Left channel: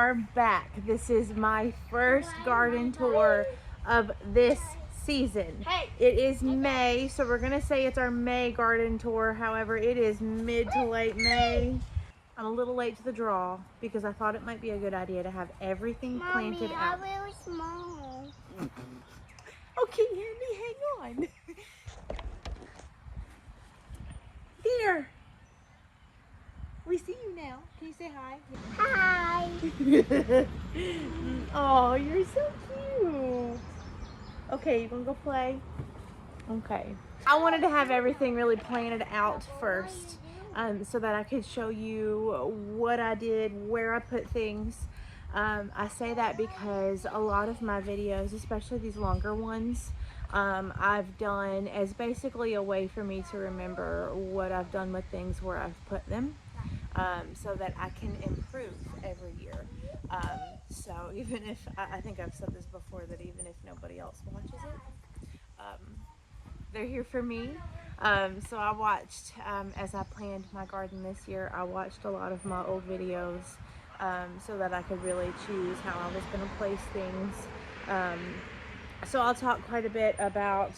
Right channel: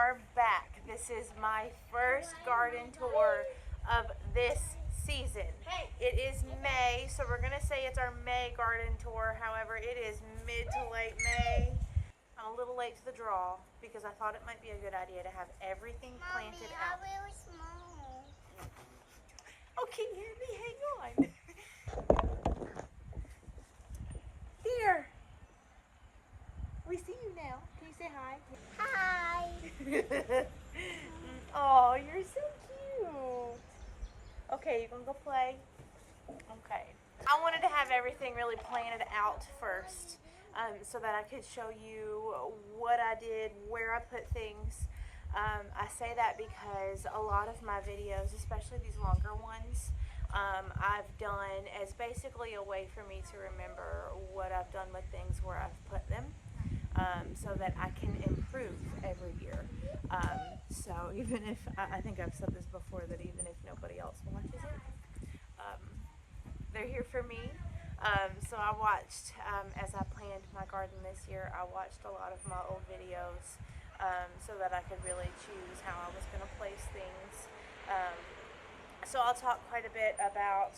are back. This is my first garden tour of this season. It is May, so we're gonna say it's our May garden tour. However, it is mid to late May. I'm a little late to the draw because I thought it might be a good idea to have everything planted out. Mommy, I'm really small. Okay, Andy, hang on. There. We see you now. Can you say hi? Hi. Oh, you're so cute. Okay, you gonna go play? Okay. I wanted to have everything really planted out first, so that I could show you what I did, where I put things. I say that because a lot of my videos, especially these longer ones, I've done as basically a way for me to remember what I've done with things, where I've put them, so that I can improve every year. So even if, I think I've said this before, that even if nobody else watches it, they're here for me. So I watched, as I planned my garden this year, I watched a lot of my old videos, so that I could really choose how I was going to place things. So I'll talk quite a bit about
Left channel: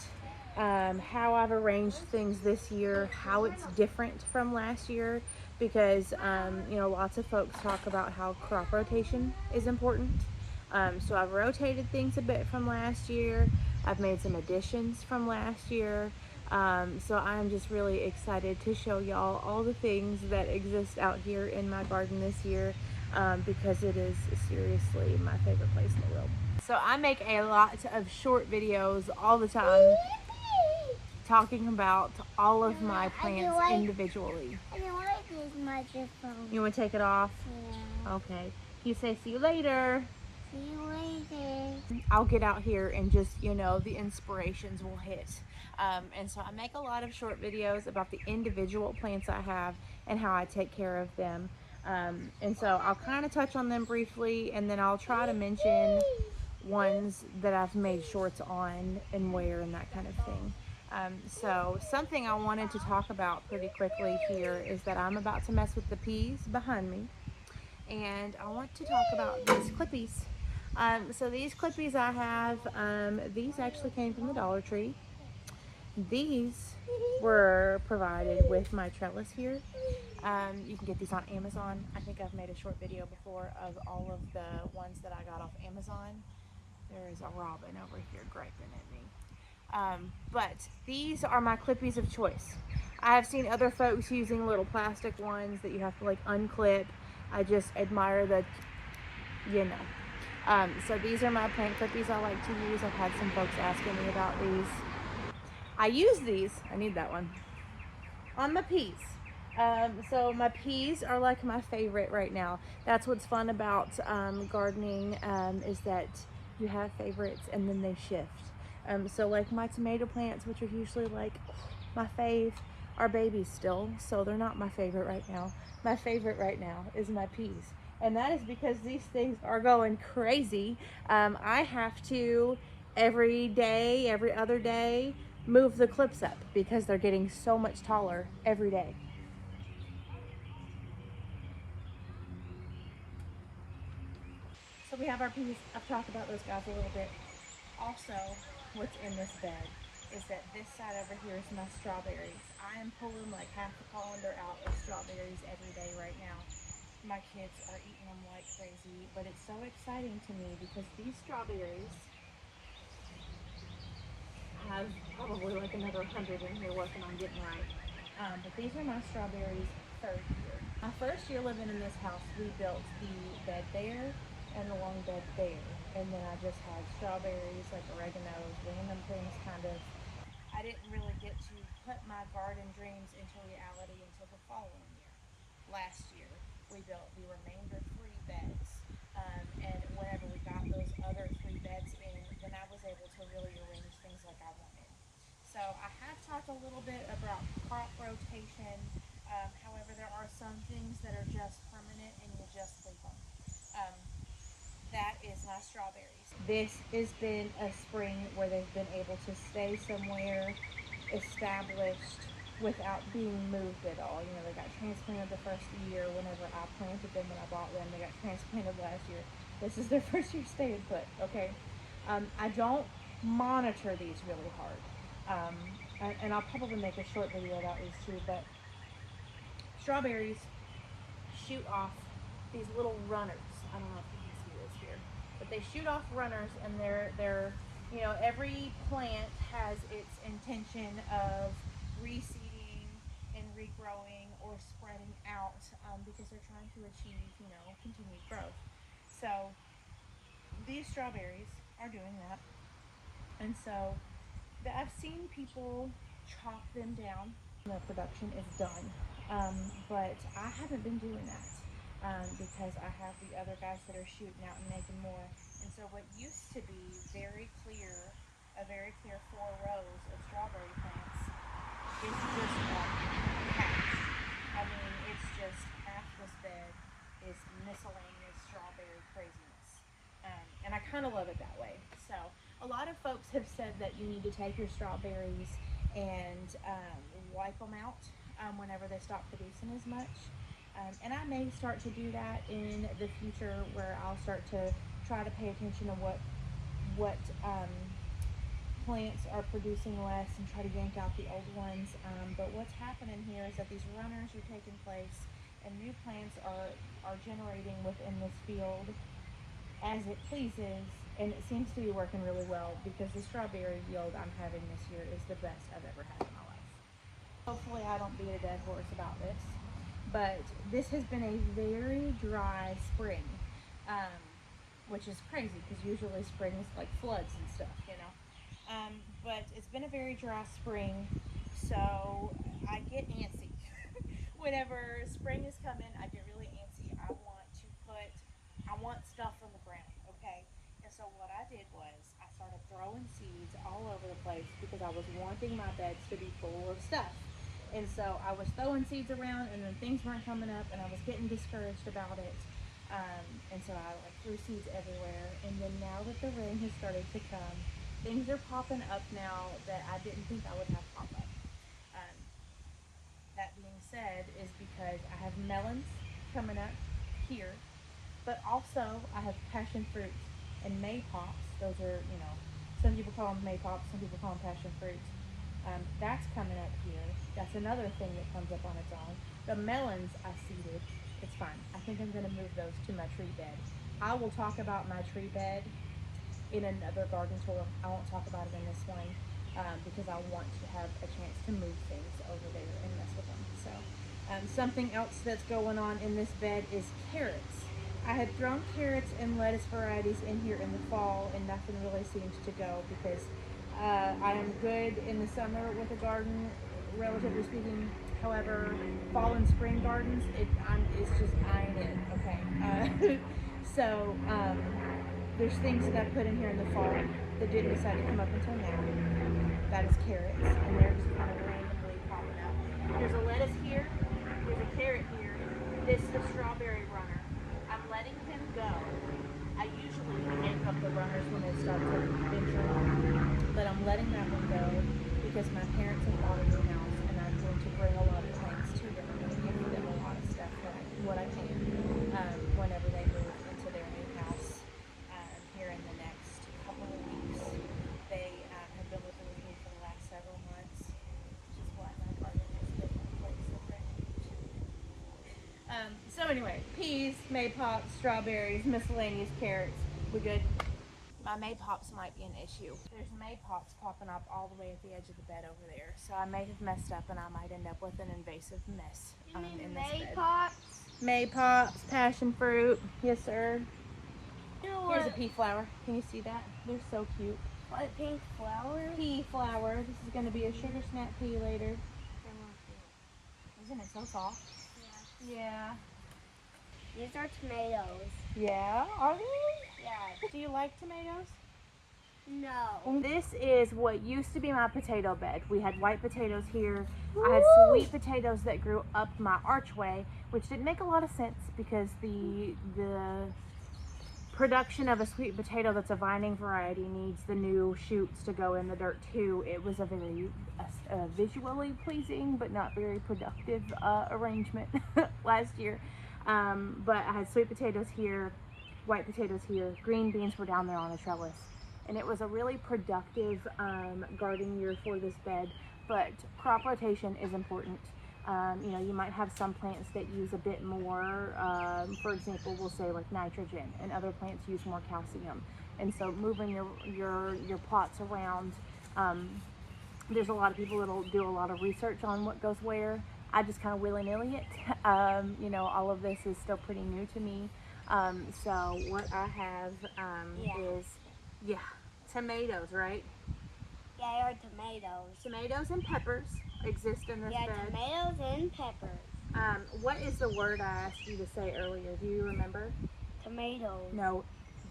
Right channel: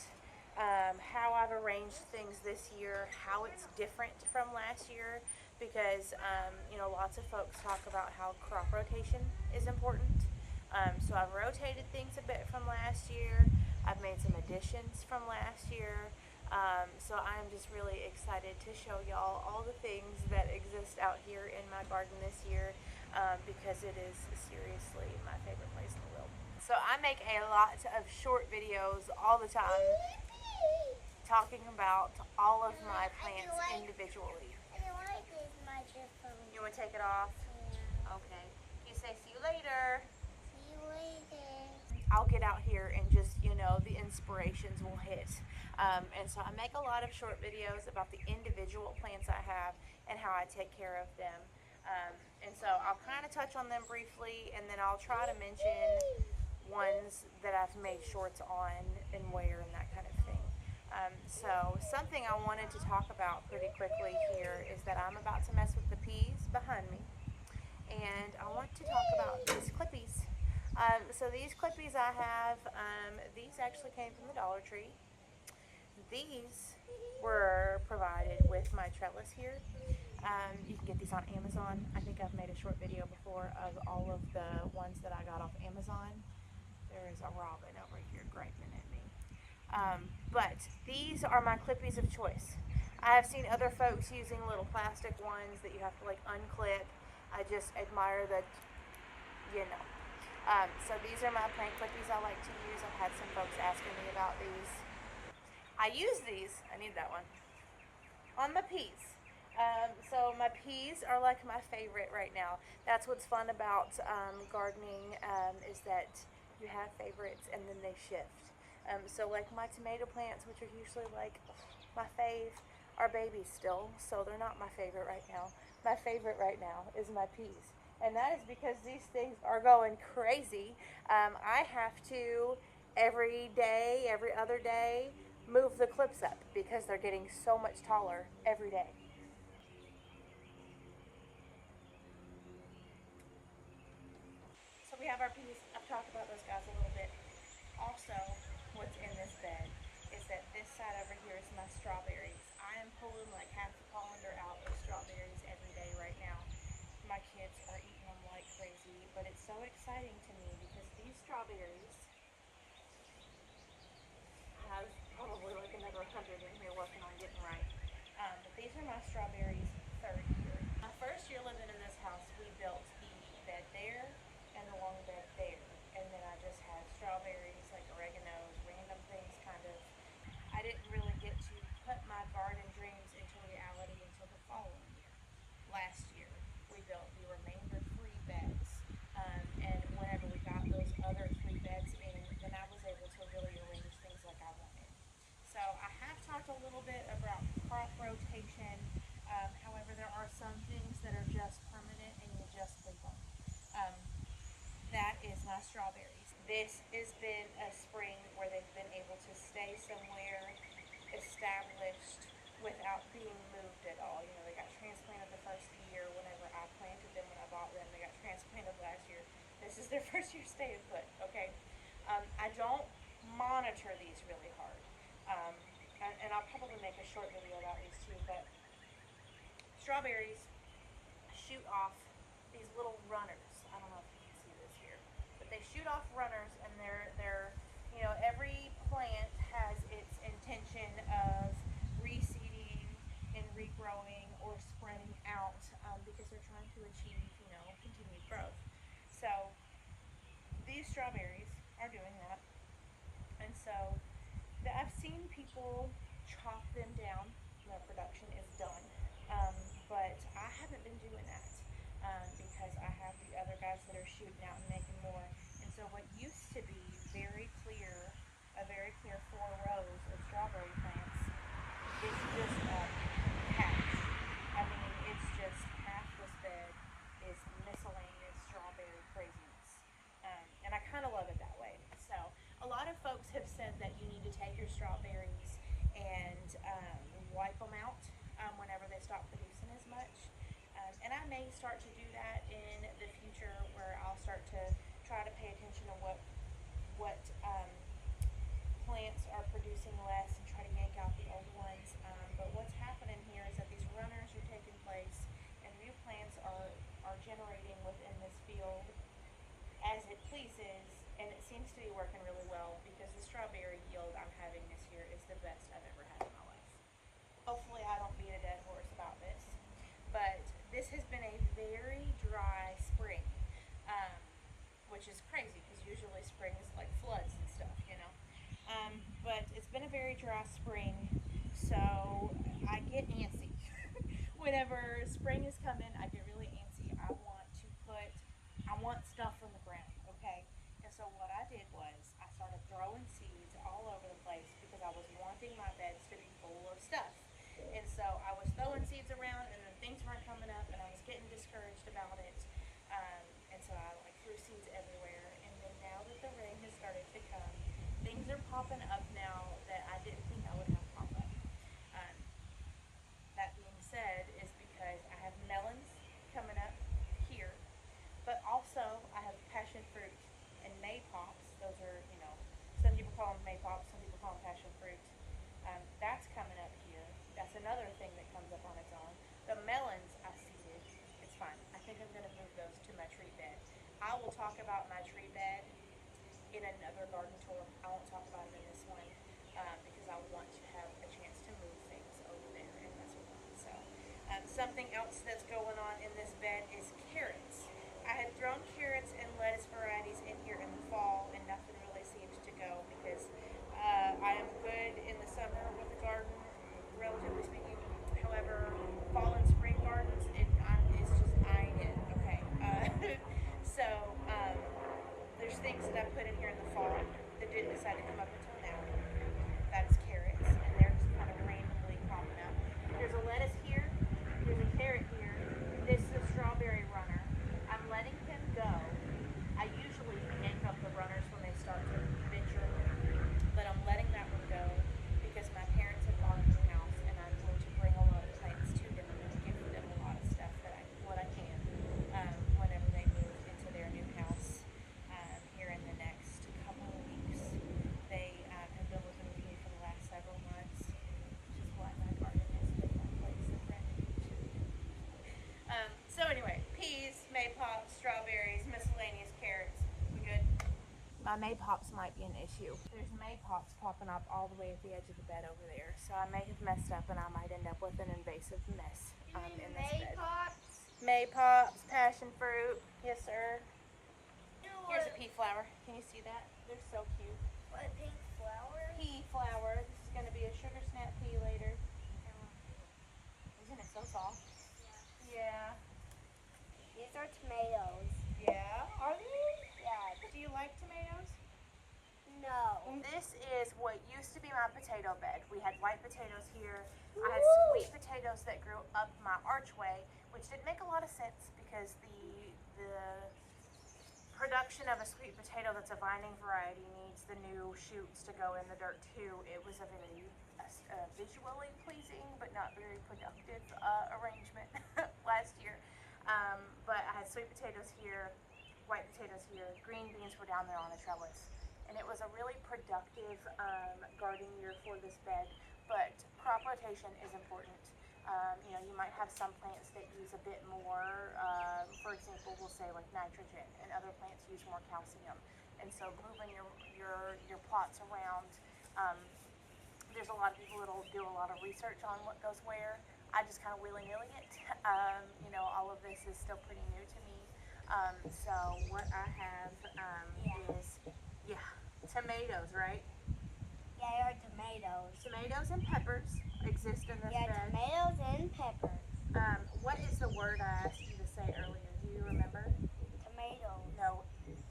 how I've arranged things this year, how it's different from last year, because you know, lots of folks talk about how crop rotation is important. So I've rotated things a bit from last year. I've made some additions from last year. So I'm just really excited to show y'all all the things that exist out here in my garden this year, because it is seriously my favorite place in the world. So I make a lot of short videos all the time, talking about all of my plants individually. I don't like this microphone. You want to take it off? Yeah. Okay. You say see you later. See you later. I'll get out here and just, you know, the inspirations will hit. And so I make a lot of short videos about the individual plants I have and how I take care of them. And so I'll kind of touch on them briefly, and then I'll try to mention ones that I've made shorts on and where and that kind of thing. So something I wanted to talk about pretty quickly here is that I'm about to mess with the peas behind me, and I want to talk about these clippies. So these clippies I have, these actually came from the Dollar Tree. These were provided with my trellis here. You can get these on Amazon. I think I've made a short video before of all of the ones that I got off Amazon. There is a robin over here griping at me. But these are my clippies of choice. I have seen other folks using little plastic ones that you have to like unclip. I just admire the, you know. So these are my plant clippies I like to use. I've had some folks asking me about these. I use these, I need that one, on my peas. So my peas are like my favorite right now. That's what's fun about gardening, is that you have favorites and then they shift. So like my tomato plants, which are usually like my fave, are babies still, so they're not my favorite right now. My favorite right now is my peas. And that is because these things are going crazy. I have to, every day, every other day, move the clips up because they're getting so much taller every day. So we have our peas. I've talked about those guys a little bit. Also, what's in this bed is that this side over here is my strawberries. I am pulling like half a colander out of strawberries every day right now. My kids are eating them like crazy, but it's so exciting to me because these strawberries have probably like another 100 in here working on getting right. But these are my strawberries third year. My first year living in this house, we built the bed there and the long bed there. And then I just had strawberries, like oreganos, random things kind of. I didn't really get to put my garden dreams into reality until the following year. Last year, we built the remainder 3 beds. And whenever we got those other 3 beds in, then I was able to really arrange things like I wanted. So I have talked a little bit about crop rotation. However, there are some things that are just permanent and you just leave them. That is my strawberries. This has been a spring where they've been able to stay somewhere established without being moved at all. You know, they got transplanted the first year whenever I planted them when I bought them. They got transplanted last year. This is their first year staying put, okay? I don't monitor these really hard. And I'll probably make a short video about these too, but strawberries shoot off these little runners. I don't know if you can see this here, but they shoot off runners, and they're you know, every plant has its intention of reseeding and regrowing or spreading out because they're trying to achieve, you know, continued growth. So these strawberries are doing that, and so I've seen people chop them down. The production is done, but I haven't been doing that because I have the other guys that are shooting out and making more. And so what used to be a very clear 4 rows of strawberry plants is just half. I mean, it's just half this bed is miscellaneous strawberry craziness. And I kind of love it that way. So a lot of folks have said that you need to take your strawberries and wipe them out whenever they stop producing as much. And I may start to do that in the future, where I'll start to try to pay attention to what plants are producing less and try to yank out the old ones. But what's happening here is that these runners are taking place, and new plants are generating within this field as it pleases, and it seems to be working really well because the strawberry yield I'm having this year is the best I've ever had in my life. Hopefully I don't beat a dead horse about this, but this has been a very dry spring, which is crazy because usually spring is like floods and stuff, you know. But it's been a very dry spring, so I get antsy. Whenever spring is coming, I get really antsy. I want stuff on the ground, okay? And so what I did was I started throwing seeds all over the place because I was wanting my beds to be full of stuff. And so I was throwing seeds around, and then things weren't coming up, and I was getting discouraged about it. And so I threw seeds everywhere. And then now that the rain has started to come, things are popping up now that I didn't think I would have pop up. That being said is because I have melons coming up here, but also I have passion fruit and maypops. Those are, you know, some people call them maypops, some people call them passion fruits. That's coming up here. That's another thing that comes up on its own. The melons I seeded. It's fine. I think I'm going to move those to my tree bed. I will talk about my tree bed in another garden tour. I won't talk about it in this one because I want to have a chance to move things over there and mess with them. So something else that's going on in this bed is carrots. I had thrown carrots and lettuce varieties in here in the fall, and nothing really seems to go because I am good in the summer with a garden, relatively speaking. However, fall and spring gardens, it's just eyeing it, okay? So there's things that I put in here in the fall that didn't decide to come up until now. That is carrots, and they're just kind of randomly popping up. There's a lettuce here, there's a carrot here. This is the strawberry runner. I'm letting him go. I usually yank up the runners when they start to venture, but I'm letting that one go because my parents have bought a new house, and I'm going to bring a lot of plants to them. I'm going to give them a lot of stuff what I can whenever they move into their new house here in the next couple of weeks. They have been living with me for the last several months, which is why my garden has been a place of refuge. So anyway, peas, maypops, strawberries, miscellaneous carrots. We good? My maypops might be an issue. There's maypops popping up all the way at the edge of the bed over there. So I may have messed up, and I might end up with an invasive mess in this bed. Maypops, passion fruit. Yes, sir. You know Here's a what? pea flower. Can you see that? They're so cute. What pink flower? Pea flower. This is going to be a sugar snap pea later. Isn't it so soft? Yeah. These are tomatoes. Yeah, are they? Yeah. Do you like tomatoes? No. This is what used to be my potato bed. We had white potatoes here. I had sweet potatoes that grew up my archway, which didn't make a lot of sense because the production of a sweet potato that's a vining variety needs the new shoots to go in the dirt too. It was a very visually pleasing but not very productive arrangement last year. But I had sweet potatoes here, white potatoes here, green beans were down there on a trellis. And it was a really productive garden year for this bed, but crop rotation is important. You know, you might have some plants that use a bit more, for example, we'll say like nitrogen, and other plants use more calcium. And so moving your plots around, there's a lot of people that'll do a lot of research on what goes where. I just kind of willy-nilly it. You know, all of this is still pretty new to me. So what I have is, tomatoes, right? Yeah, they are tomatoes. Tomatoes and peppers exist in this bed. Tomatoes and peppers. What is the word I asked you to say earlier? Do you remember? Tomatoes. No.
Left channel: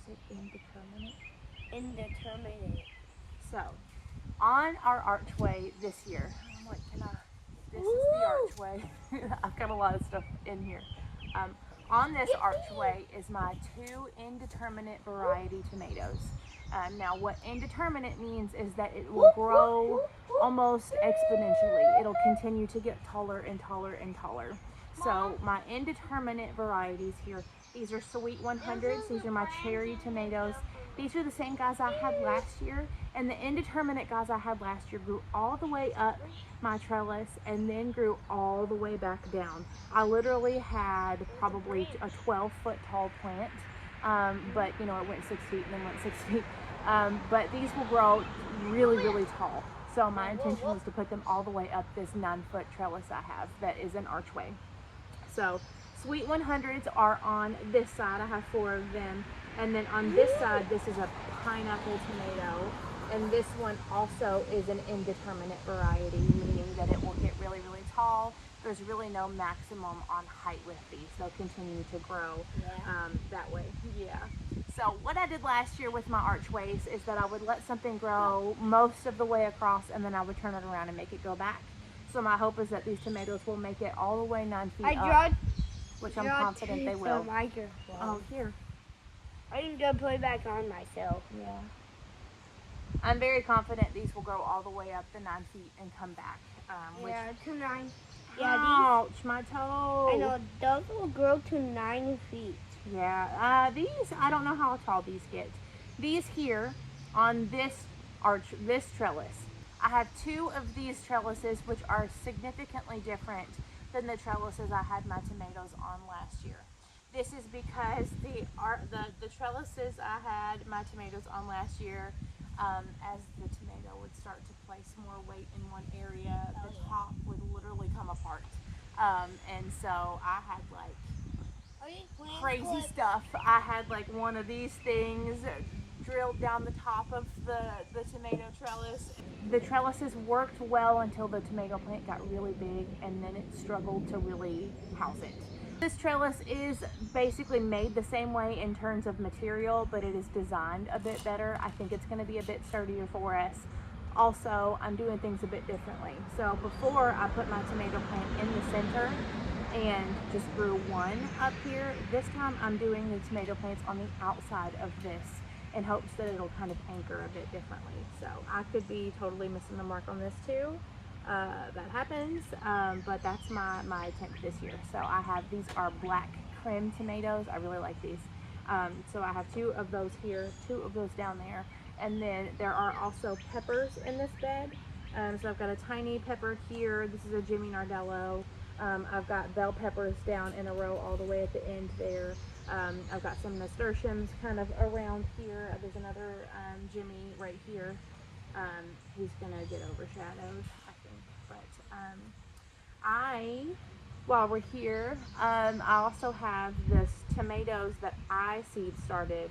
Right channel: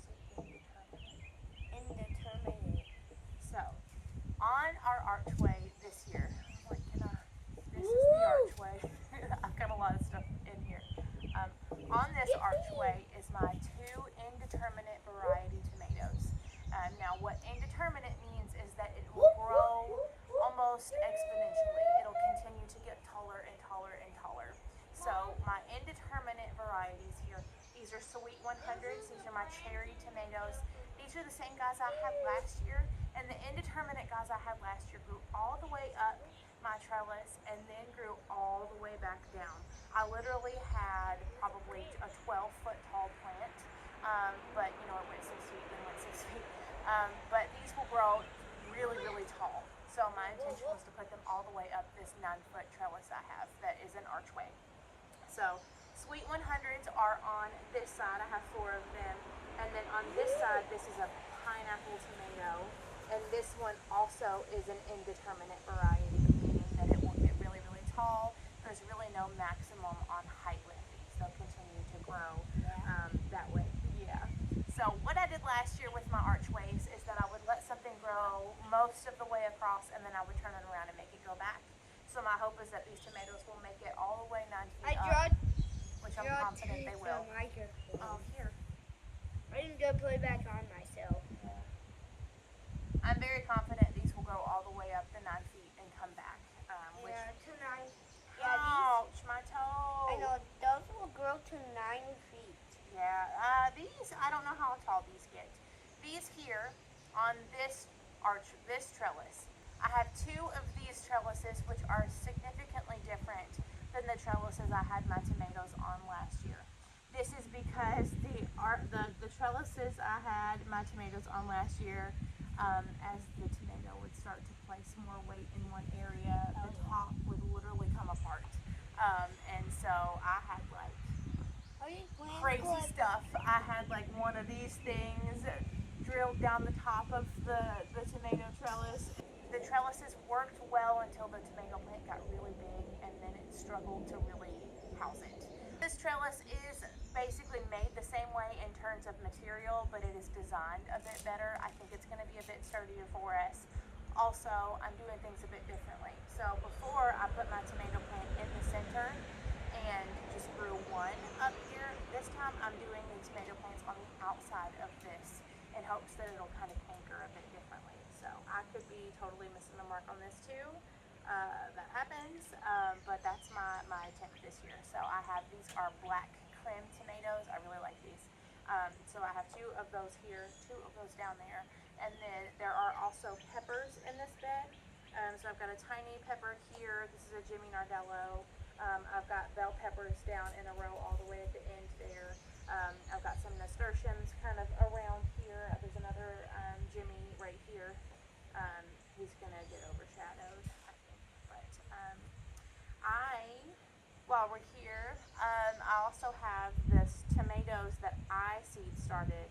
Is it indeterminate? Indeterminate. So, on our archway this year, I'm like, this is the archway. I've got a lot of stuff in here. On this archway is my 2 indeterminate variety tomatoes. Now what indeterminate means is that it will grow almost exponentially. It'll continue to get taller and taller and taller. So my indeterminate varieties here, these are Sweet 100s. These are my cherry tomatoes. These are the same guys I had last year, and the indeterminate guys I had last year grew all the way up my trellis and then grew all the way back down. I literally had probably a 12-foot tall plant, but you know, it went 6 feet and then went 6 feet. But these will grow really, really tall. So my intention was to put them all the way up this 9-foot trellis I have that is an archway. So Sweet 100s are on this side. I have 4 of them. And then on this side, this is a pineapple tomato. And this one also is an indeterminate variety, meaning that it will get really, really tall. There's really no maximum on height with these. They'll continue to grow that way. Yeah. So what I did last year with my archways is that I would let something grow most of the way across, and then I would turn it around and make it go back. So my hope is that these tomatoes will make it all the way 9 feet up, which I'm confident they will. Oh, here. I didn't go put it back on myself. Yeah. I'm very confident these will grow all the way up the 9 feet and come back. To 9. Ouch, my toe. I know, those will grow to 9 feet. Yeah, these, I don't know how tall these get. These here on this trellis, I have 2 of these trellises which are significantly different than the trellises I had my tomatoes on last year. This is because the trellises I had my tomatoes on last year, as the tomato would start to place more weight in one area, the top would literally come apart. And so I had like crazy stuff. I had like one of these things drilled down the top of the tomato trellis. The trellises worked well until the tomato plant got really big, and then it struggled to really house it. This trellis is basically made the same way in terms of material, but it is designed a bit better. I think it's going to be a bit sturdier for us. Also, I'm doing things a bit differently. So before, I put my tomato plant in the center and just grew one up here. This time I'm doing the tomato plants on the outside of this in hopes that it'll kind of anchor a bit differently. So I could be totally missing the mark on this too. That happens, but that's my attempt this year. So I have, these are black creme tomatoes. I really like these. So I have 2 of those here, 2 of those down there. And then there are also peppers in this bed. So I've got a tiny pepper here. This is a Jimmy Nardello. I've got bell peppers down in a row all the way at the end there. I've got some nasturtiums kind of around here. There's another Jimmy right here. He's gonna get overshadowed, I think. But while we're here, I also have the tomatoes that I seed started,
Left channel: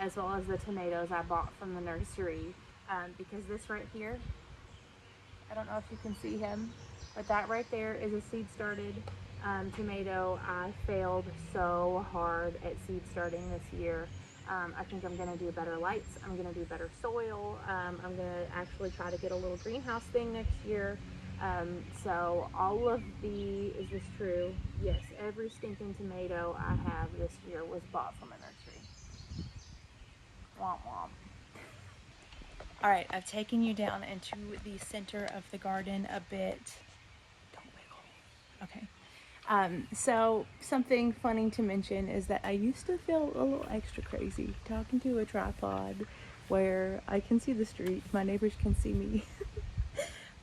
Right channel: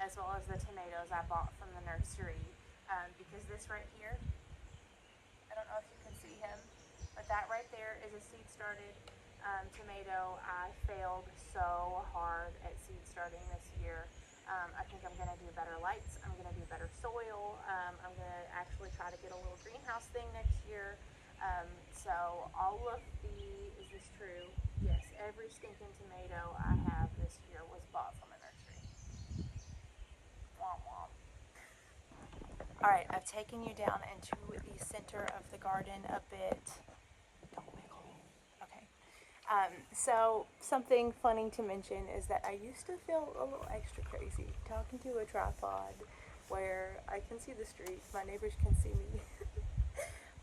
as well as the tomatoes I bought from the nursery, because this right here, I don't know if you can see him, but that right there is a seed started tomato. I failed so hard at seed starting this year. I think I'm going to do better lights. I'm going to do better soil. I'm going to actually try to get a little greenhouse thing next year. So all of is this true? Yes, every stinking tomato I have this year was bought from a nursery. Womp womp. All right, I've taken you down into the center of the garden a bit. Don't wiggle. Okay. So something funny to mention is that I used to feel a little extra crazy talking to a tripod where I can see the street, my neighbors can see me.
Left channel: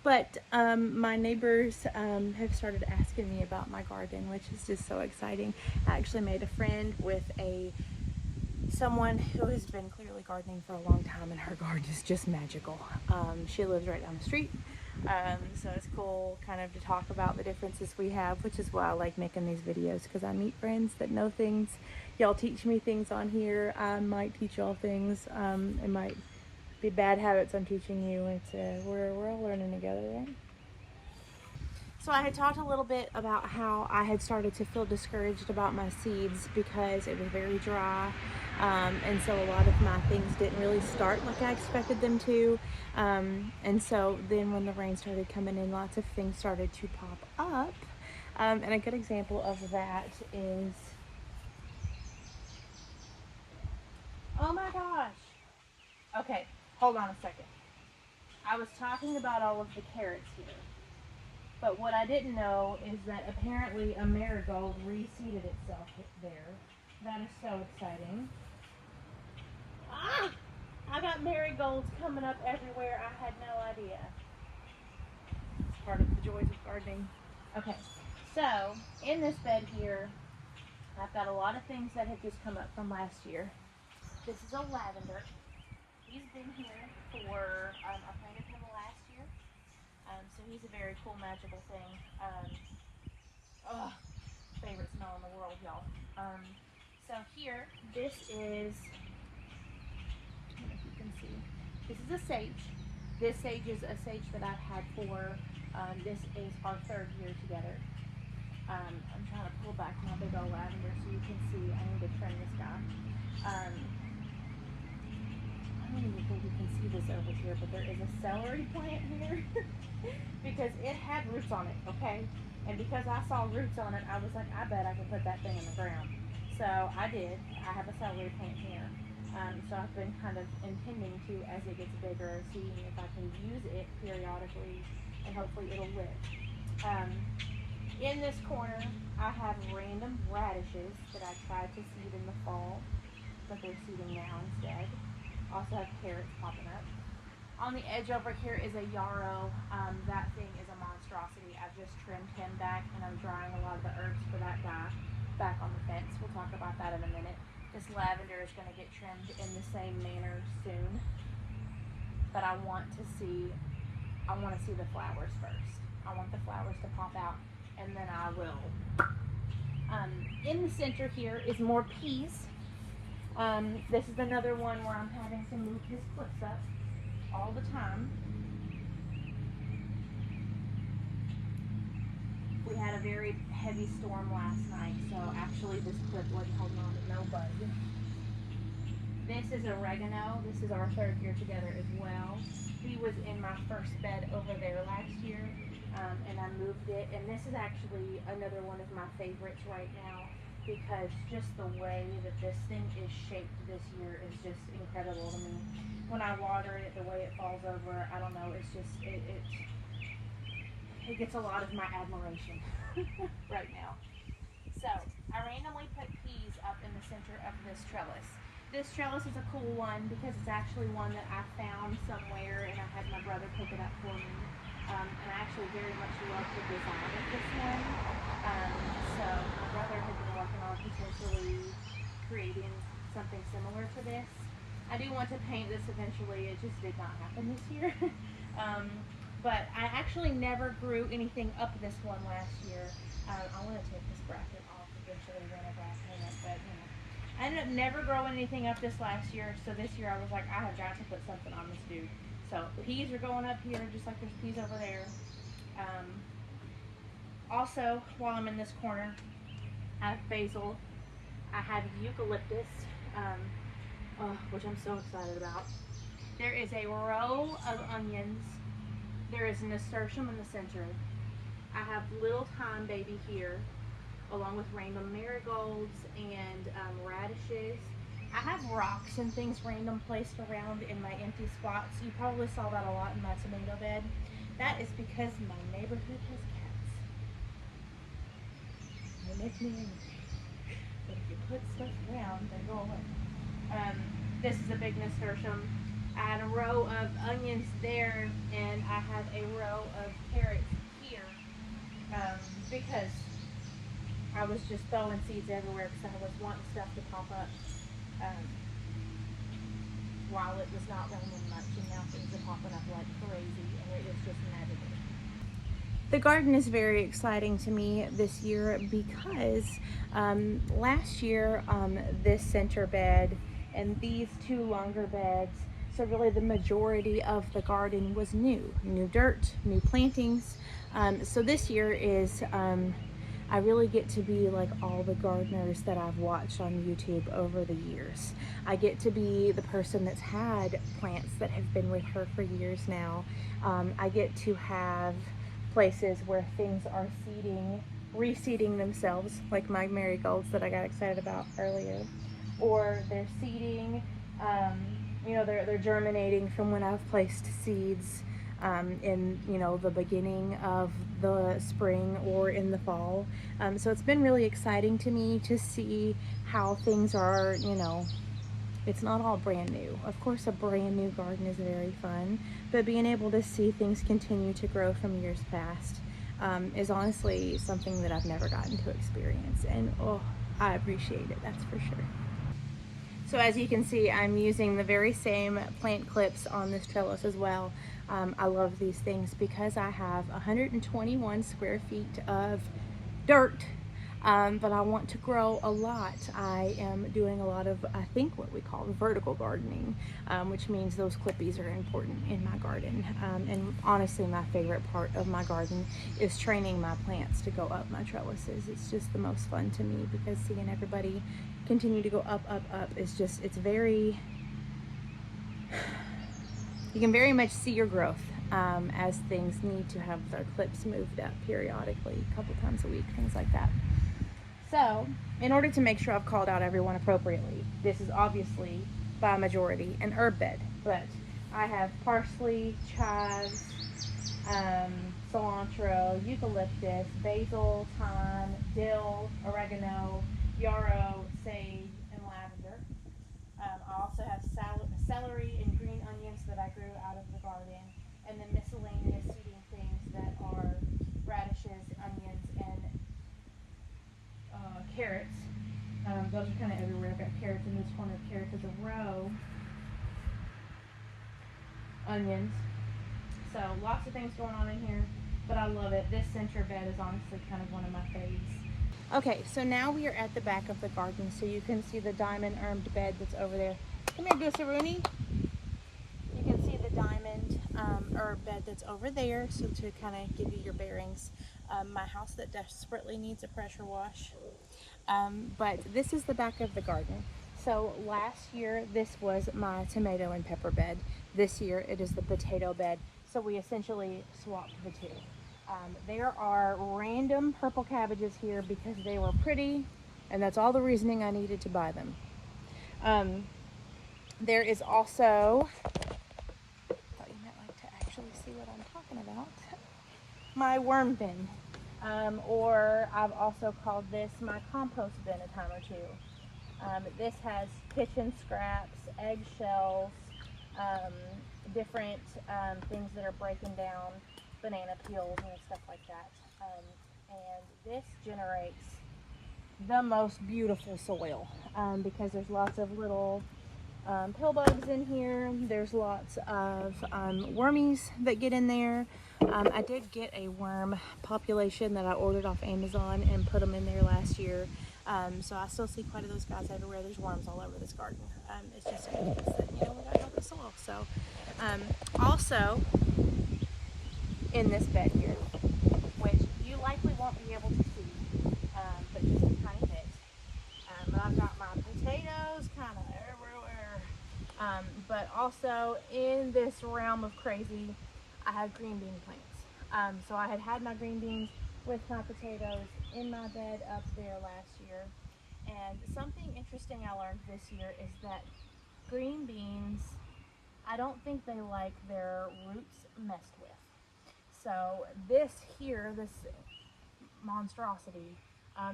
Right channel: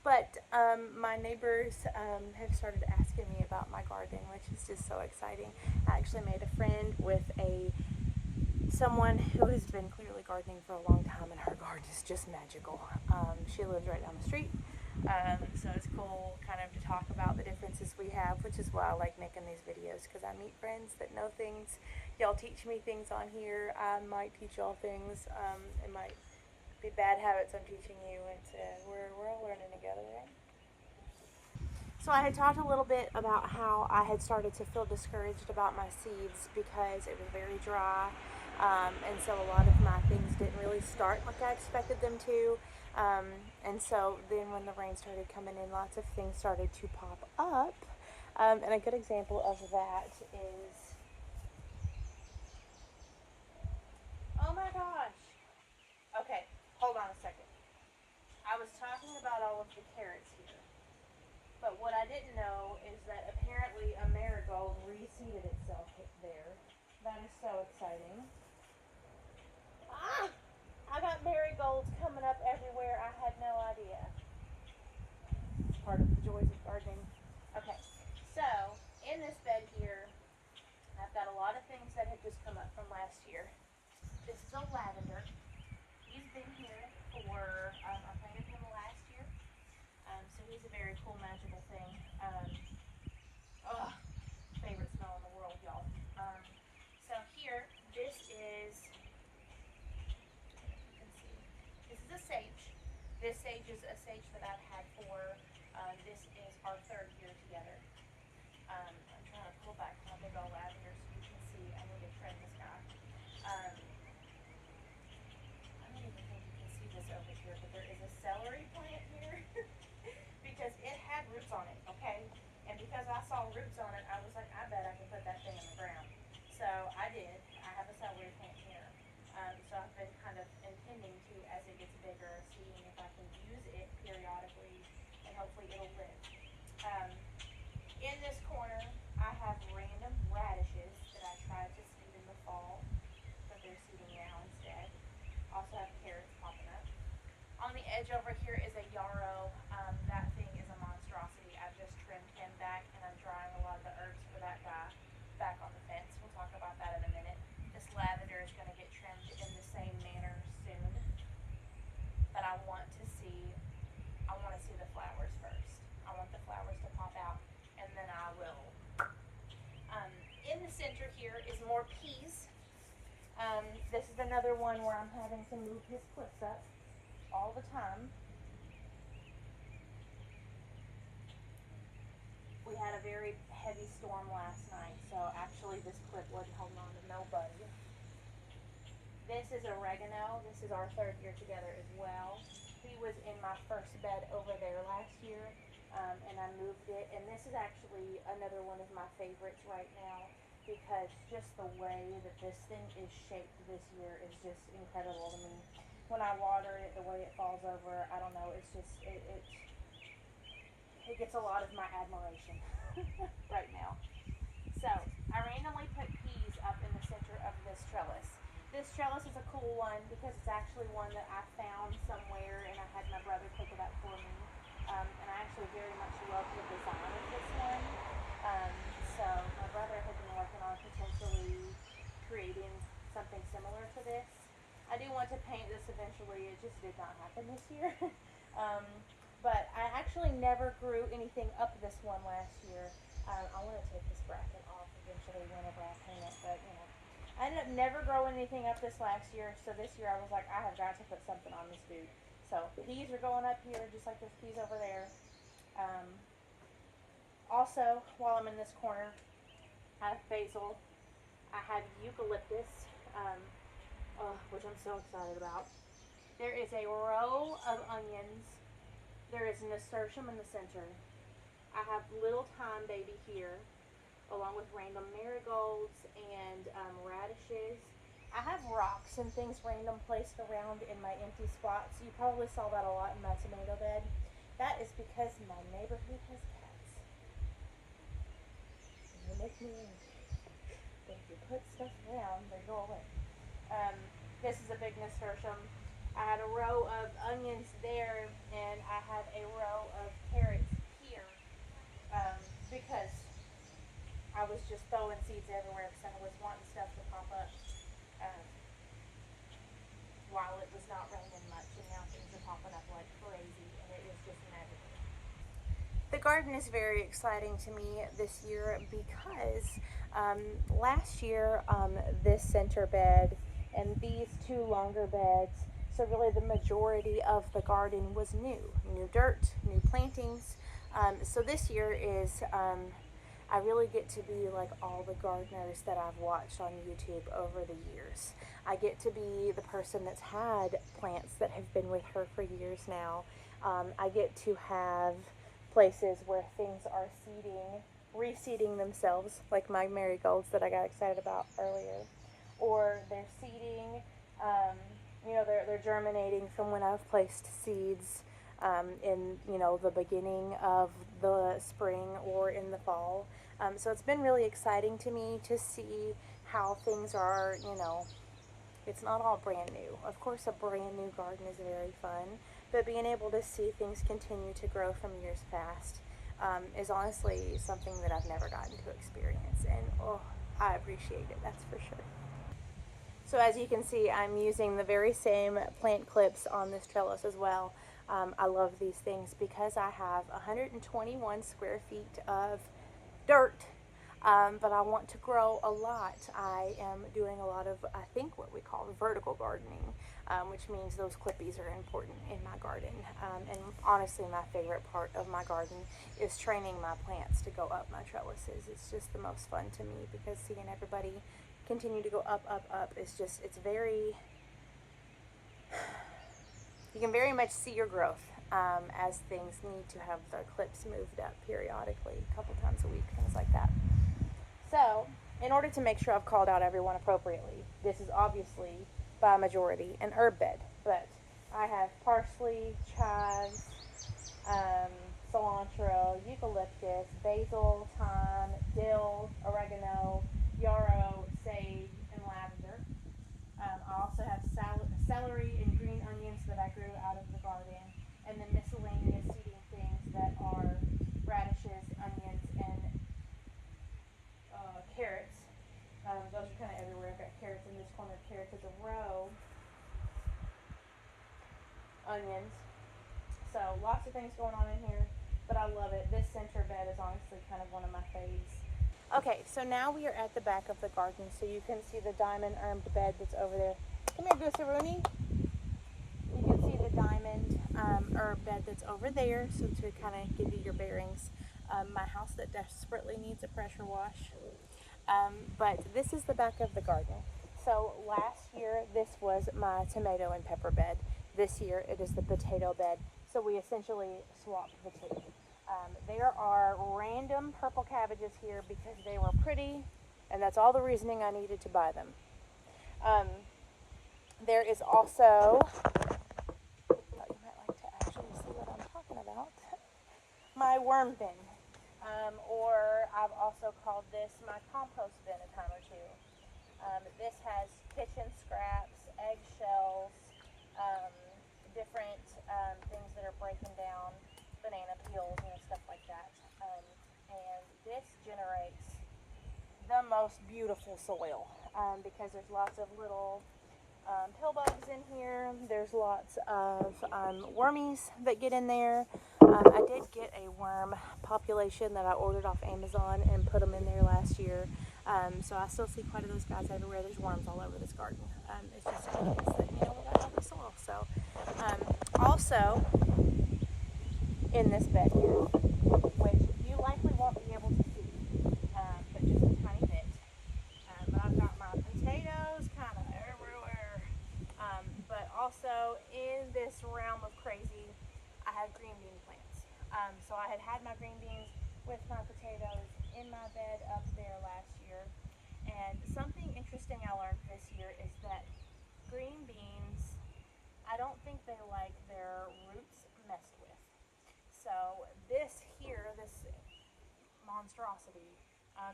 But my neighbors have started asking me about my garden, which is just so exciting. I actually made a friend with someone who has been clearly gardening for a long time, and her garden is just magical. She lives right down the street. So it's cool kind of to talk about the differences we have, which is why I like making these videos, because I meet friends that know things. Y'all teach me things on here. I might teach y'all things. It might be bad habits I'm teaching you. We're all learning together, right? So I had talked a little bit about how I had started to feel discouraged about my seeds because it was very dry. And so a lot of my things didn't really start like I expected them to. And so then when the rain started coming in, lots of things started to pop up. And a good example of that is, oh my gosh. Okay, hold on a second. I was talking about all of the carrots here. But what I didn't know is that apparently a marigold reseeded itself there. That is so exciting. Ah! I got marigolds coming up everywhere. I had no idea. It's part of the joys of gardening. Okay, so in this bed here, I've got a lot of things that have just come up from last year. This is a lavender. He's been here for, I planted him last year. So he's a very cool magical thing. Favorite smell in the world, y'all. So here, this is, I don't know if you can see, this is a sage. This sage is a sage that I've had for, this is our 3rd year together. I'm trying to pull back my big old lavender so you can see. I need to trim this guy. I don't even think you can see this over here, but there is a celery plant here because it had roots on it, okay? And because I saw roots on it, I was like, I bet I can put that thing in the ground. So I did. I have a celery plant here. So I've been kind of intending to, as it gets bigger, seeing if I can use it periodically, and hopefully it'll live. In this corner, I have random radishes that I tried to seed in the fall, but they're seeding now instead. Also have carrots popping up. On the edge over here is a yarrow. That thing is a monstrosity. I've just trimmed him back, and I'm drying a lot of the herbs for that guy back on the fence. We'll talk about that in a minute. This lavender is going to get trimmed in the same manner soon. But I want to see the flowers first. I want the flowers to pop out, and then I will. In the center here is more peas. This is another one where I'm having to move his clips up all the time. We had a very heavy storm last night, so actually this clip wasn't holding on to nobody. This is oregano. This is our 3rd year together as well. He was in my first bed over there last year, and I moved it. And this is actually another one of my favorites right now, because just the way that this thing is shaped this year is just incredible to me. When I water it, the way it falls over, I don't know, it's just, it gets a lot of my admiration right now. So, I randomly put peas up in the center of this trellis. This trellis is a cool one because it's actually one that I found somewhere, and I had my brother pick it up for me. And I actually very much love the design of this one. So my brother had been working on potentially creating something similar to this. I do want to paint this eventually. It just did not happen this year. But I actually never grew anything up this one last year. I want to take this bracket off eventually whenever I can, but you know. I ended up never growing anything up this last year, so this year I was like, I have got to put something on this dude. So peas are going up here, just like there's peas over there. Also, while I'm in this corner, I have basil. I have eucalyptus, which I'm so excited about. There is a row of onions. There is a nasturtium in the center. I have little thyme baby here, along with rainbow marigolds and radishes. I have rocks and things random placed around in my empty spots. You probably saw that a lot in my tomato bed. That is because my neighborhood has cats. They make me angry. If you put stuff down, they go away. This is a big nasturtium. I had a row of onions there, and I have a row of carrots here, because I was just throwing seeds everywhere because I was wanting stuff to pop up while it was not raining much, and now things are popping up like crazy, and it is just magical. The garden is very exciting to me this year because last year this center bed and these two longer beds, so really the majority of the garden was new dirt, new plantings. So this year is I really get to be like all the gardeners that I've watched on YouTube over the years. I get to be the person that's had plants that have been with her for years now. I get to have places where things are reseeding themselves, like my marigolds that I got excited about earlier, or they're seeding, you know, they're germinating from when I've placed seeds in, you know, the beginning of the spring or in the fall. So it's been really exciting to me to see how things are, you know, it's not all brand new. Of course, a brand new garden is very fun, but being able to see things continue to grow from years past is honestly something that I've never gotten to experience, and oh, I appreciate it, that's for sure. So as you can see, I'm using the very same plant clips on this trellis as well. I love these things because I have 121 square feet of dirt, but I want to grow a lot. I am doing a lot of, I think, what we call vertical gardening, which means those clippies are important in my garden. And honestly, my favorite part of my garden is training my plants to go up my trellises. It's just the most fun to me because seeing everybody continue to go up, up, up is just, it's very, you can very much see your growth as things need to have their clips moved up periodically, a couple times a week, things like that. So, in order to make sure I've called out everyone appropriately, this is obviously by majority an herb bed, but I have parsley, chives, cilantro, eucalyptus, basil, thyme, dill, oregano, yarrow, sage, and lavender. I also have celery and green onions that I grew out of the garden, and then miscellaneous seeding things that are radishes, onions, and carrots. Those are kind of everywhere. I've got carrots in this corner, carrots as a row, onions. So lots of things going on in here, but I love it. This center bed is honestly kind of one of my faves. Okay, so now we are at the back of the garden, so you can see the diamond herb bed that's over there. Come here, Goosaroonie. You can see the diamond herb bed that's over there, so to kind of give you your bearings. My house that desperately needs a pressure wash. But this is the back of the garden. So last year this was my tomato and pepper bed. This year it is the potato bed. So we essentially swapped the two. There are random purple cabbages here because they were pretty, and that's all the reasoning I needed to buy them. There is also, thought you might like to actually see what I'm talking about, my worm bin. Or I've also called this my compost bin a time or two. This has kitchen scraps, eggshells, different things that are breaking down, banana peels and stuff like that. And this generates the most beautiful soil because there's lots of little pill bugs in here. There's lots of wormies that get in there. I did get a worm population that I ordered off Amazon and put them in there last year. So I still see quite a those guys everywhere. There's worms all over this garden. It's just in case that, you know, we gotta have the soil. So also in this bed here, which you likely won't be able to see, but just a tiny bit. But I've got my potatoes kind of everywhere. But also in this realm of crazy, I have green bean plants. So I had my green beans with my potatoes in my bed up there last year. And something interesting I learned this year is that green beans, I don't think they like their roots messed with. So this here, this monstrosity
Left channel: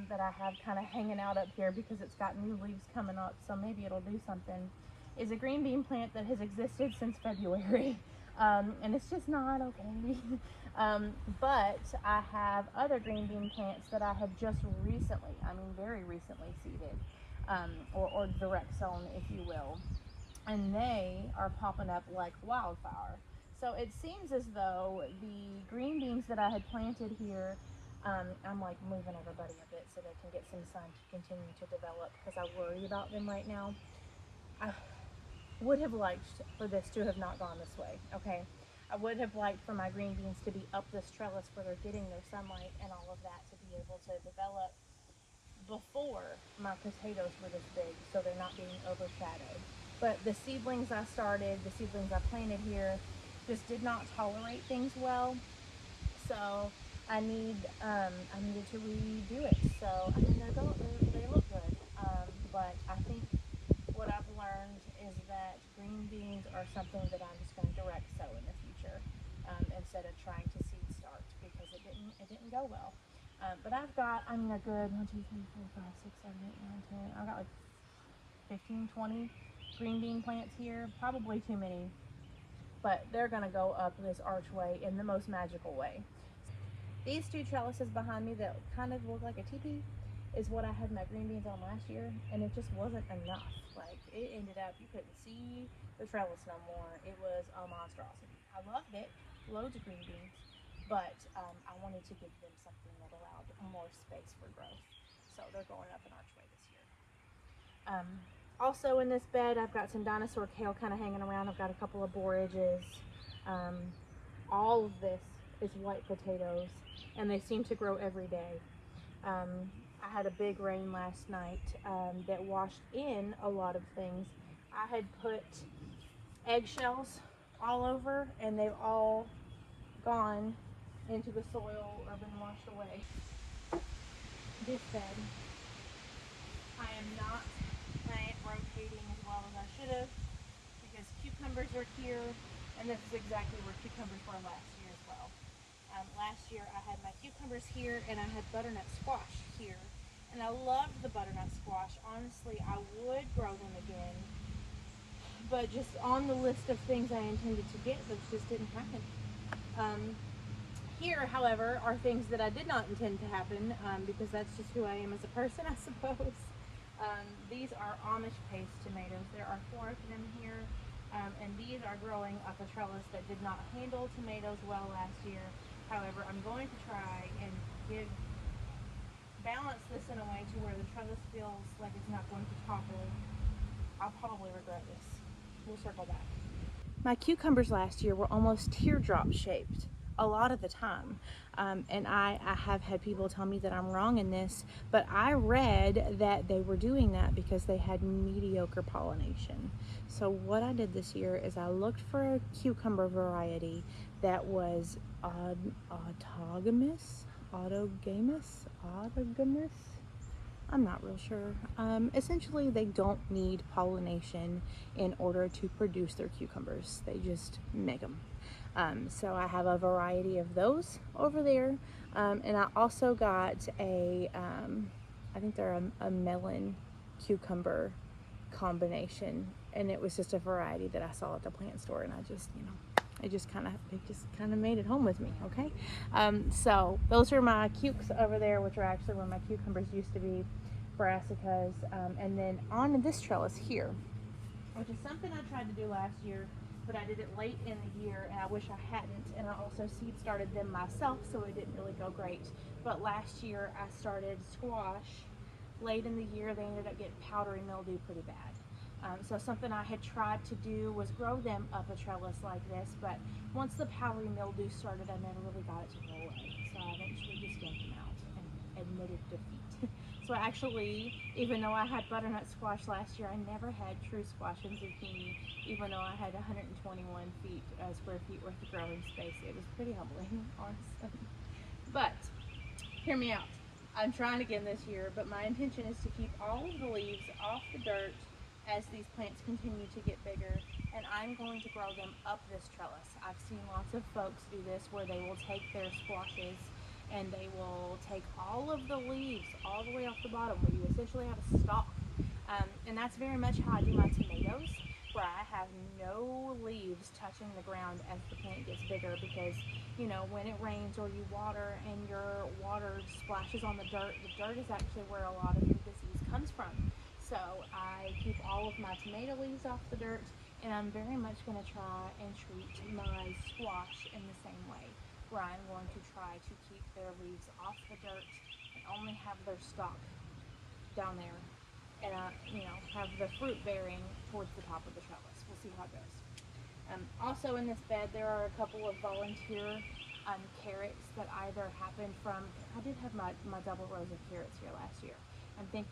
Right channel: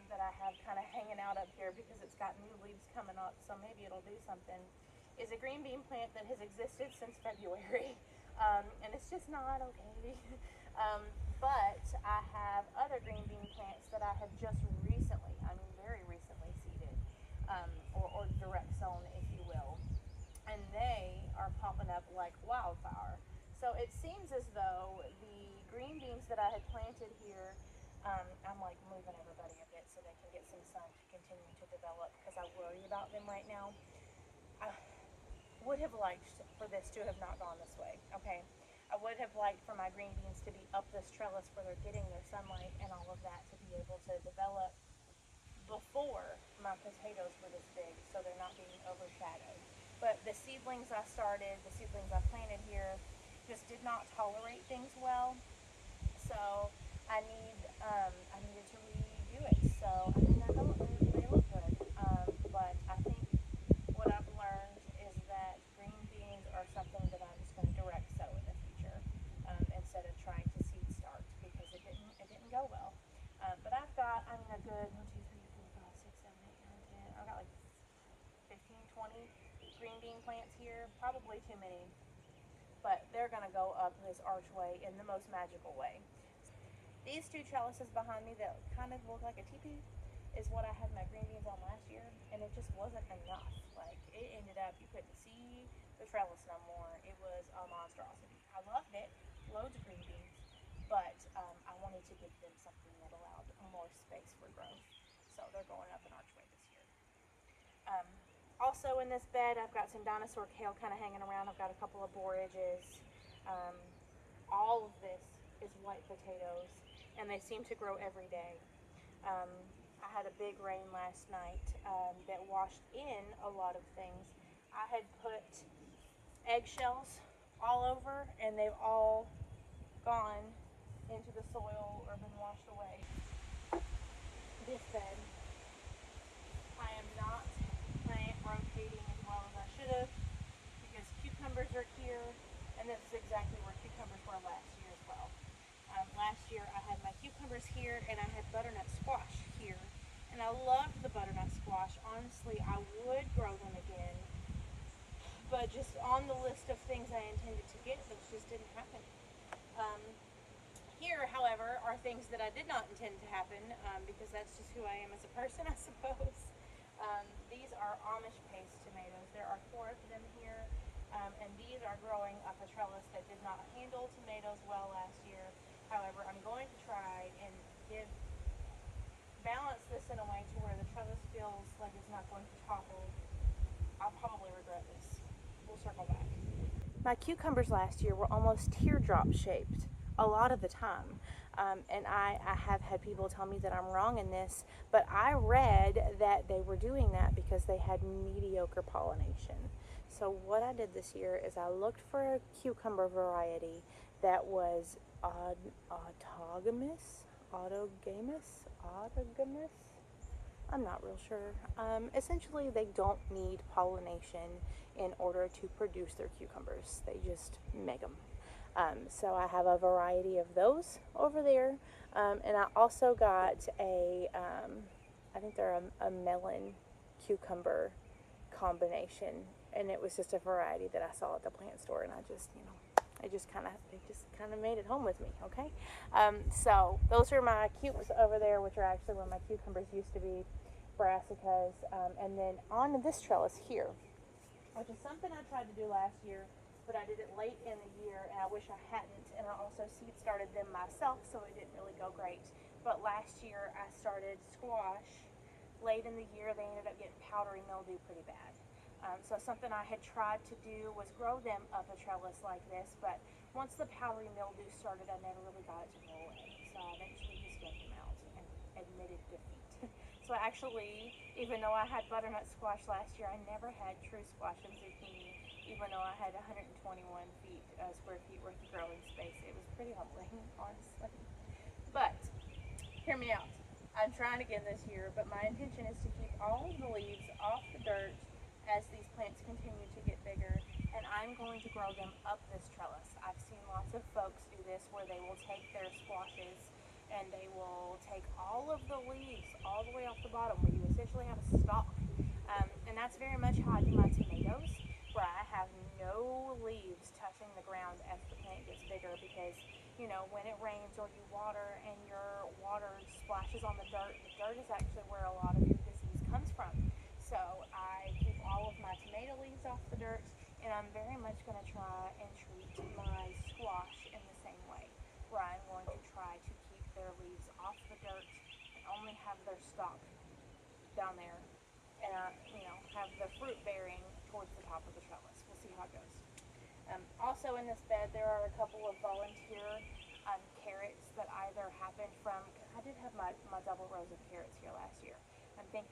that I have kind of hanging out up here because it's got new leaves coming up, so maybe it'll do something, is a green bean plant that has existed since February. And it's just not okay. But I have other green bean plants that I have just recently, I mean very recently seeded, or direct sown, if you will. And they are popping up like wildfire. So it seems as though the green beans that I had planted here, I'm like moving everybody a bit so they can get some sun to continue to develop, because I worry about them right now. I would have liked for this to have not gone this way, okay? I would have liked for my green beans to be up this trellis where they're getting their sunlight and all of that, to be able to develop before my potatoes were this big, so they're not being overshadowed. But the seedlings I planted here just did not tolerate things well, so I needed to redo it. So I mean, they look good, but I think what I've learned is that green beans are something that I'm just going to direct sow in the future, instead of trying to seed start, because it didn't go well. But I've got, I mean, a good 1, 2, 3, 4, 5, 6, 7, 8, 9, 10. I've got like 15, 20 green bean plants here. Probably too many, but they're going to go up this archway in the most magical way. These two trellises behind me that kind of look like a teepee is what I had my green beans on last year, and it just wasn't enough. Like, it ended up, you couldn't see the trellis no more. It was a monstrosity. I loved it, loads of green beans, but I wanted to give them something that allowed more space for growth. So they're going up an archway this year. Also in this bed, I've got some dinosaur kale kind of hanging around. I've got a couple of borages. All of this is white potatoes, and they seem to grow every day. I had a big rain last night that washed in a lot of things. I had put eggshells all over, and they've all gone into the soil or been washed away. This bed, I am not plant rotating as well as I should have, because cucumbers are here, and this is exactly where cucumbers were last year as well. Last year I had my cucumbers here, and I had butternut squash here, and I loved the butternut squash. Honestly, I would grow them again, but just on the list of things I intended to get, those just didn't happen. Here, however, are things that I did not intend to happen, because that's just who I am as a person, I suppose. These are Amish paste tomatoes. There are 4 of them here, and these are growing up a trellis that did not handle tomatoes well last year. However, I'm going to try and balance this in a way to where the trellis feels like it's not going to topple. I'll probably regret this. We'll circle back. My cucumbers last year were almost teardrop shaped a lot of the time, and I have had people tell me that I'm wrong in this, but I read that they were doing that because they had mediocre pollination. So what I did this year is I looked for a cucumber variety that was autogamous. I'm not real sure. Essentially, they don't need pollination in order to produce their cucumbers. They just make them. So I have a variety of those over there. And I also got I think they're a melon cucumber combination. And it was just a variety that I saw at the plant store. And they just kind of made it home with me, okay? So those are my cukes over there, which are actually where my cucumbers used to be, brassicas. And then on this trellis here, which is something I tried to do last year, but I did it late in the year, and I wish I hadn't. And I also seed started them myself, so it didn't really go great. But last year I started squash late in the year. They ended up getting powdery mildew pretty bad. So something I had tried to do was grow them up a trellis like this, but once the powdery mildew started, I never really got it to go away. So I eventually just yanked them out and admitted defeat. So actually, even though I had butternut squash last year, I never had true squash and zucchini, even though I had 121 square feet worth of growing space. It was pretty humbling, honestly. But hear me out. I'm trying again this year, but my intention is to keep all of the leaves off the dirt as these plants continue to get bigger, and I'm going to grow them up this trellis. I've seen lots of folks do this where they will take their squashes and they will take all of the leaves all the way off the bottom where you essentially have a stalk. And that's very much how I do my tomatoes, where I have no leaves touching the ground as the plant gets bigger, because you know, when it rains or you water and your water splashes on the dirt is actually where a lot of your disease comes from. So I keep all of my tomato leaves off the dirt, and I'm very much going to try and treat my squash in the same way, where I'm going to try to keep their leaves off the dirt and only have their stalk down there, and you know, have the fruit bearing towards the top of the trellis. We'll see how it goes. Also in this bed there are a couple of volunteer carrots that either happened from, I did have my double rows of carrots here last year. I didn't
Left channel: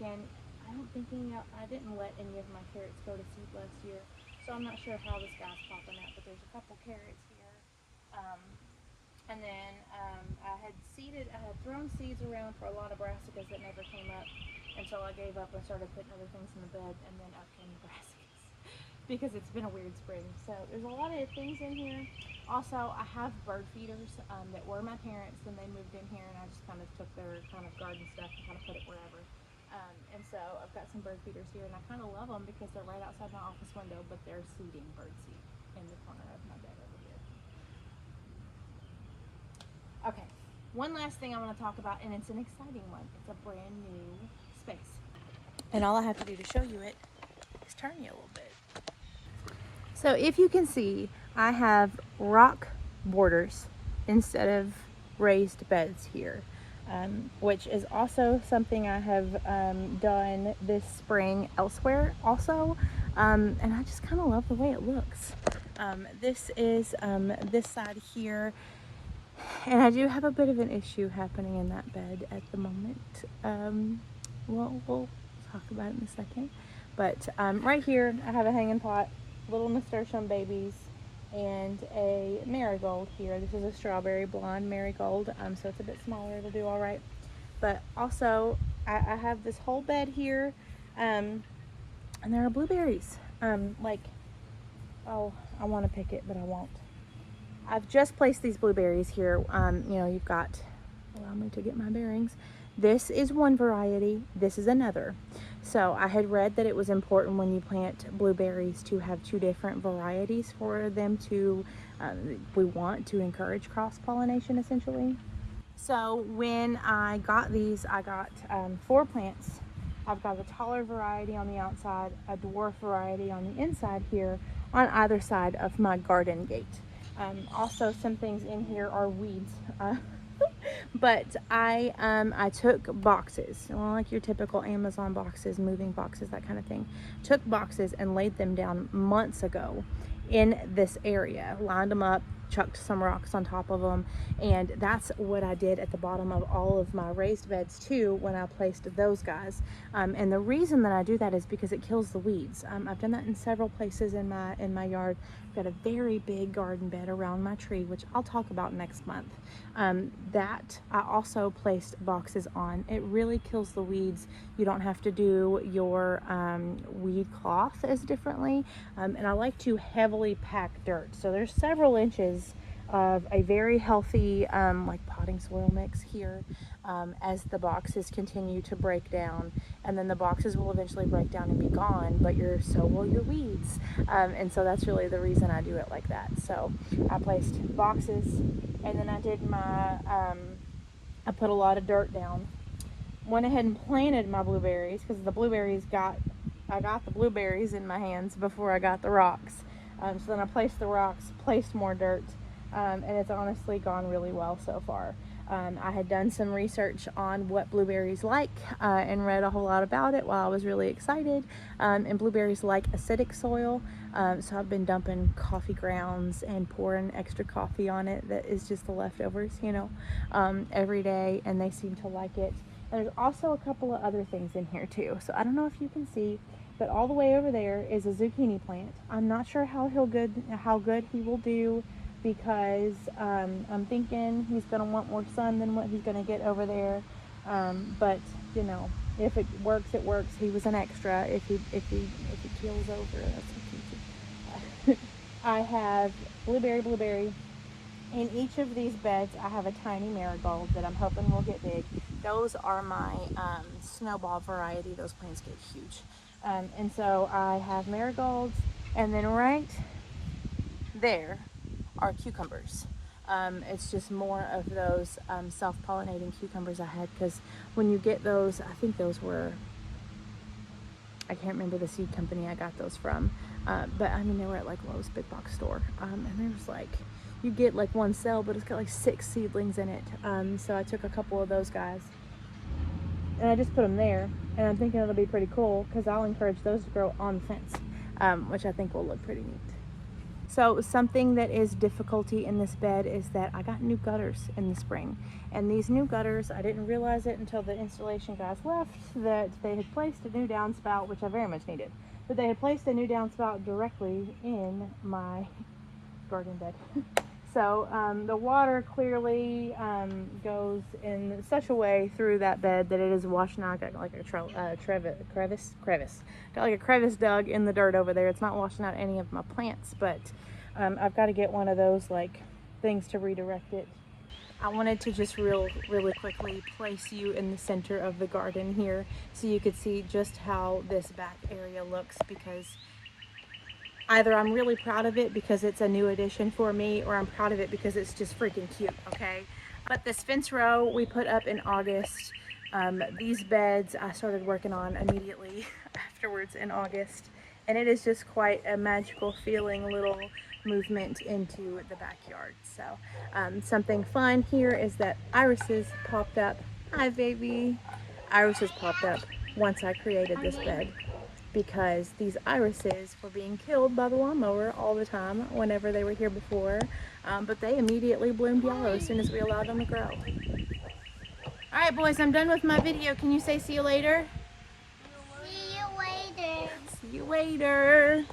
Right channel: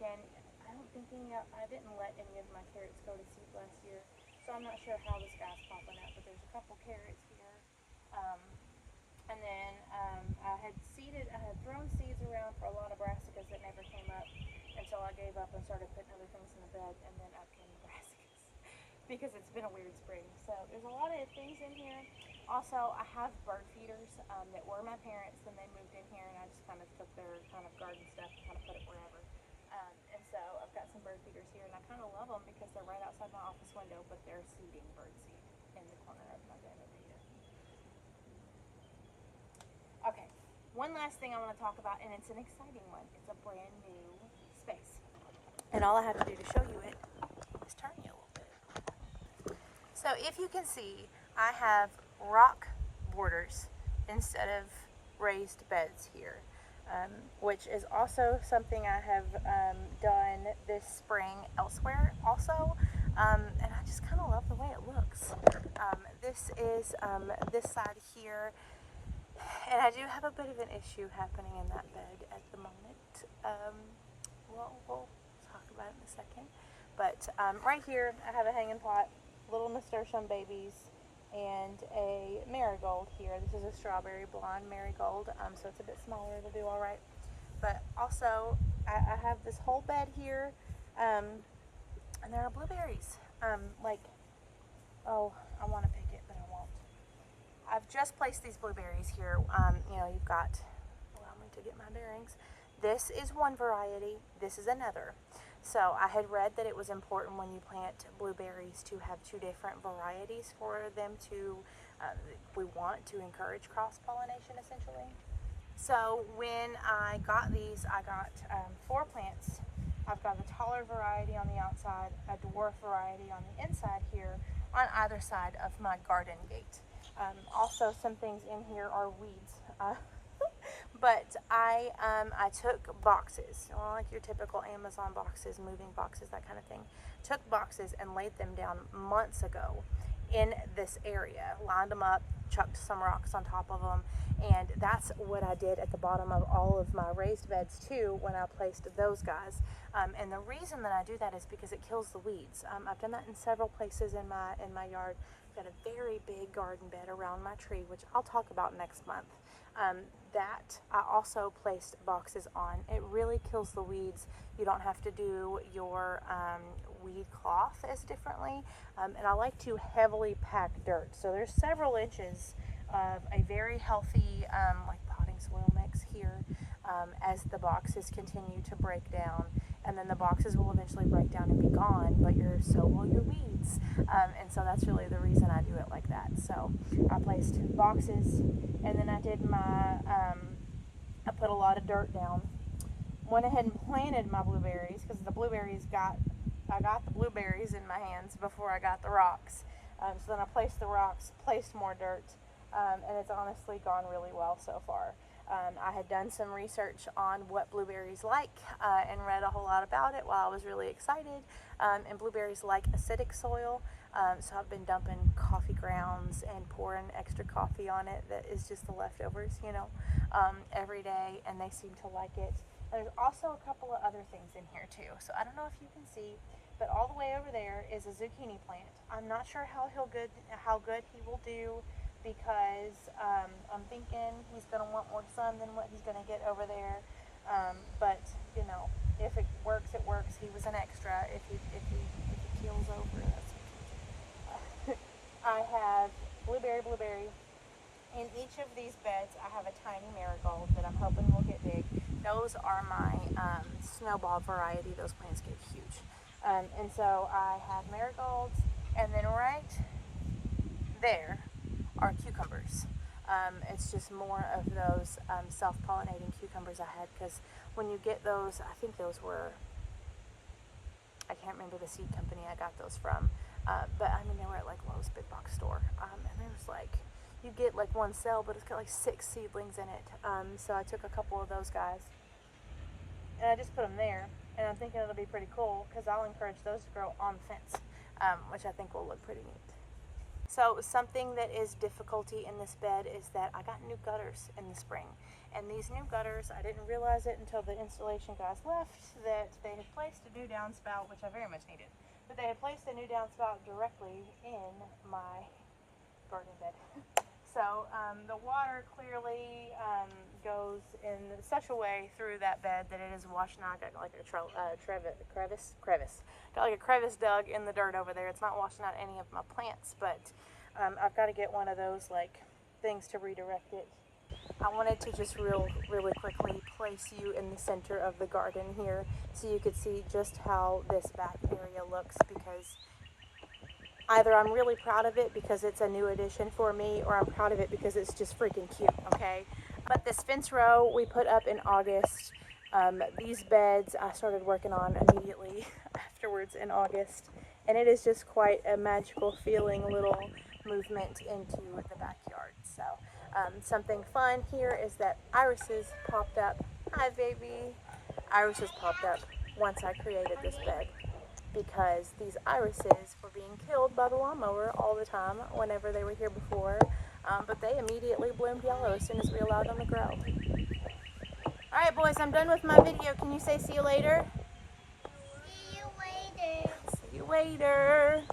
let any of my carrots go to seed last year, so I'm not sure how this guy's popping up, but there's a couple carrots here. And then I had thrown seeds around for a lot of brassicas that never came up until I gave up and started putting other things in the bed, and then up came the brassicas because it's been a weird spring. So there's a lot of things in here. Also, I have bird feeders that were my parents, and they moved in here, and I just kind of took their kind of garden stuff and kind of put it wherever. And so I've got some bird feeders here, and I kind of love them because they're right outside my office window, but they're seeding bird seed in the corner of my bed over here. Okay, one last thing I want to talk about, and it's an exciting one. It's a brand new space. And all I have to do to show you it is turn you a little bit. So if you can see, I have rock borders instead of raised beds here, which is also something I have done this spring elsewhere also, and I just kind of love the way it looks. This is this side here, and I do have a bit of an issue happening in that bed at the moment. We'll talk about it in a second, but right here I have a hanging pot, little nasturtium babies, and a marigold here. This is a strawberry blonde marigold, so it's a bit smaller. It'll do all right. But also, I have this whole bed here, and there are blueberries. Oh, I want to pick it, but I won't. I've just placed these blueberries here. You know, you've got, allow me to get my bearings. This is one variety, this is another. So I had read that it was important when you plant blueberries to have two different varieties for them to, we want to encourage cross-pollination essentially. So when I got these, I got 4 plants. I've got a taller variety on the outside, a dwarf variety on the inside here on either side of my garden gate. Also, some things in here are weeds. But I took boxes, like your typical Amazon boxes, moving boxes, that kind of thing. Took boxes and laid them down months ago in this area, lined them up, chucked some rocks on top of them, and that's what I did at the bottom of all of my raised beds too when I placed those guys. And the reason that I do that is because it kills the weeds. I've done that in several places in my yard. I've got a very big garden bed around my tree, which I'll talk about next month. That I also placed boxes on. It really kills the weeds. You don't have to do your weed cloth as differently, and I like to heavily pack dirt, so there's several inches of a very healthy like potting soil mix here as the boxes continue to break down, and then the boxes will eventually break down and be gone, but so will your weeds, and so that's really the reason I do it like that. So I placed boxes, and then I did my I put a lot of dirt down, went ahead and planted my blueberries, because the blueberries I got the blueberries in my hands before I got the rocks. So then I placed the rocks, placed more dirt, and it's honestly gone really well so far. I had done some research on what blueberries like and read a whole lot about it while I was really excited. And blueberries like acidic soil, so I've been dumping coffee grounds and pouring extra coffee on it that is just the leftovers, you know, every day, and they seem to like it. And there's also a couple of other things in here too, so I don't know if you can see, but all the way over there is a zucchini plant. I'm not sure how good he will do, because I'm thinking he's going to want more sun than what he's going to get over there. But you know, if it works, it works. He was an extra. If he keels over, that's what. I have blueberry. In each of these beds, I have a tiny marigold that I'm hoping will get big. Those are my snowball variety. Those plants get huge. And so I have marigolds, and then right there are cucumbers. It's just more of those self-pollinating cucumbers I had, because when you get those, I think those were, I can't remember the seed company I got those from, but I mean, they were at like Lowe's big box store, and there was like, you get like one cell, but it's got like 6 seedlings in it. So I took a couple of those guys and I just put them there, and I'm thinking it'll be pretty cool because I'll encourage those to grow on the fence, which I think will look pretty neat. So something that is difficulty in this bed is that I got new gutters in the spring, and these new gutters, I didn't realize it until the installation guys left, that they had placed a new downspout, which I very much needed, but they had placed a new downspout directly in my garden bed. So the water clearly goes in such a way through that bed that it is washing out. Got like a crevice. Got like a crevice dug in the dirt over there. It's not washing out any of my plants, but I've got to get one of those like things to redirect it. I wanted to just really quickly place you in the center of the garden here so you could see just how this back area looks, because either I'm really proud of it because it's a new addition for me, or I'm proud of it because it's just freaking cute, okay? But this fence row we put up in August. These beds I started working on immediately afterwards in August, and it is just quite a magical feeling little movement into the backyard. So something fun here is that irises popped up. Hi, baby. Irises popped up once I created this bed, because these irises were being killed by the lawnmower all the time whenever they were here before, but they immediately bloomed yellow as soon as we allowed them to grow. All right, boys, I'm done with my video. Can you say see you later? See you later. See you later.